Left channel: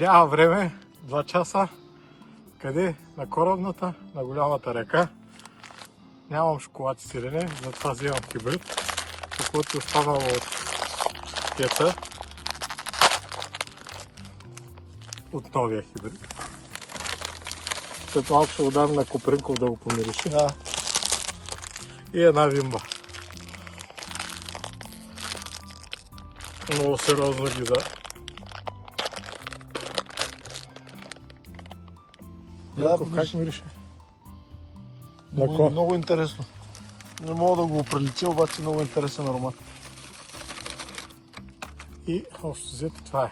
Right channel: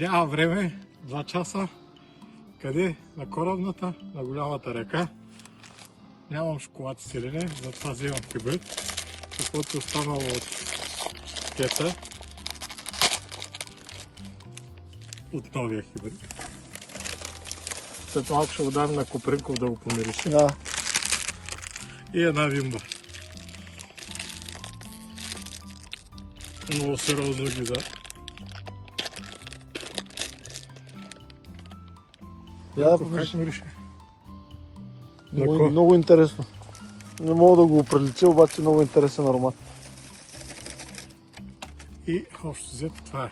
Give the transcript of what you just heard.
Няма време, 2 часа. Къде? На корабната, на голямата река. Нямам шоколад и сирене, затова вземам хибрид. Каквото е останало от кета. От новия хибрид. След малко ще го дам на Копринков да го помириши. И една вимба. Много сериозно ги да. Как мирише? Много интересно. Не мога да го прилича, обаче много интересен аромат. И общо взето това е.